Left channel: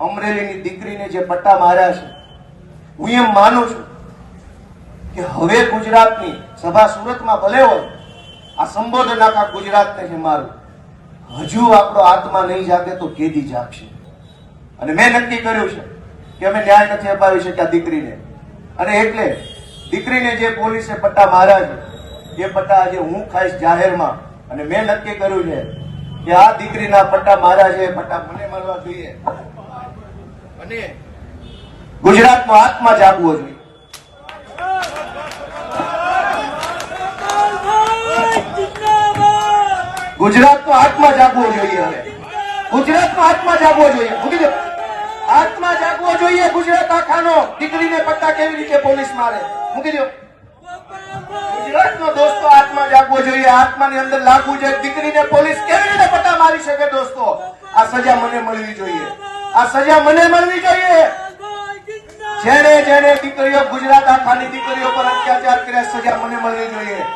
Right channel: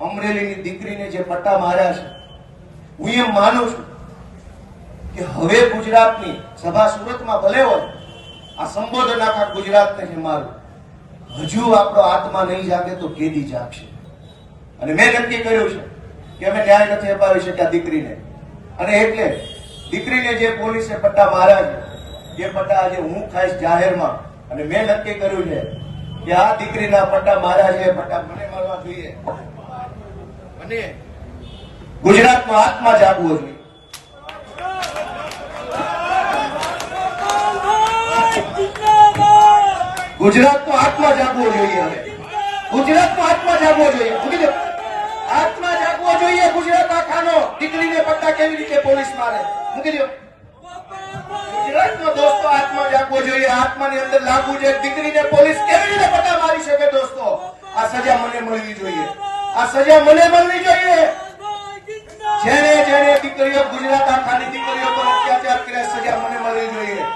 અમરેલીની દીકરીને જે પટ્ટા માર્યા છે, હું એમ માનું છું કે હવે ગુજરાતની સભા સુરતમાં ભલે હોય, આ સંબોધન આખા ગુજરાતને છે મારું, હજુ આપણો આત્મા નહીં જાગે તો કેદી જાગશે. અને મેં નક્કી કર્યું છે કે અમે ન્યાય નથી અપાવી શક્યા દીકરીને, અને એટલે દીકરીને જે પોલીસે પટ્ટા માર્યા છે એ પટ્ટા આજે હું ખાઈશ જાહેરમાં. અને મેં નક્કી કર્યું છે કે આ દીકરીના પટ્ટા માર્યા છે એ પટ્ટા મને મળવા જોઈએ અને ગુજરાતનો આત્મા જાગવો જોઈએ. ગુજરાતનો આત્મા જાગવો જોઈએ. હવે ગુજરાતનો આત્મા જાગવો જોઈએ. મૂકી દો, આત્મા જાગવો જોઈએ ગુજરાત આખાનો. દીકરીને પટ્ટા કેવી રીતે પોલીસ મારે, મૂકી દો. ગુજરાતનો દોસ્તો આત્મા જાગવો જોઈએ. આત્માની અંદર લાગવું જોઈએ દીકરીને પોલીસ કેવી રીતે પટ્ટા મારી શકે. દોસ્તો, આ સજા મને મળવી જોઈએ. આ સજા મને મળવી જોઈએ. જેને જેને દીકરીઓ, ગુજરાત આખાની દીકરીઓ પર અત્યાચાર કર્યા, સજા મને મળવી જોઈએ.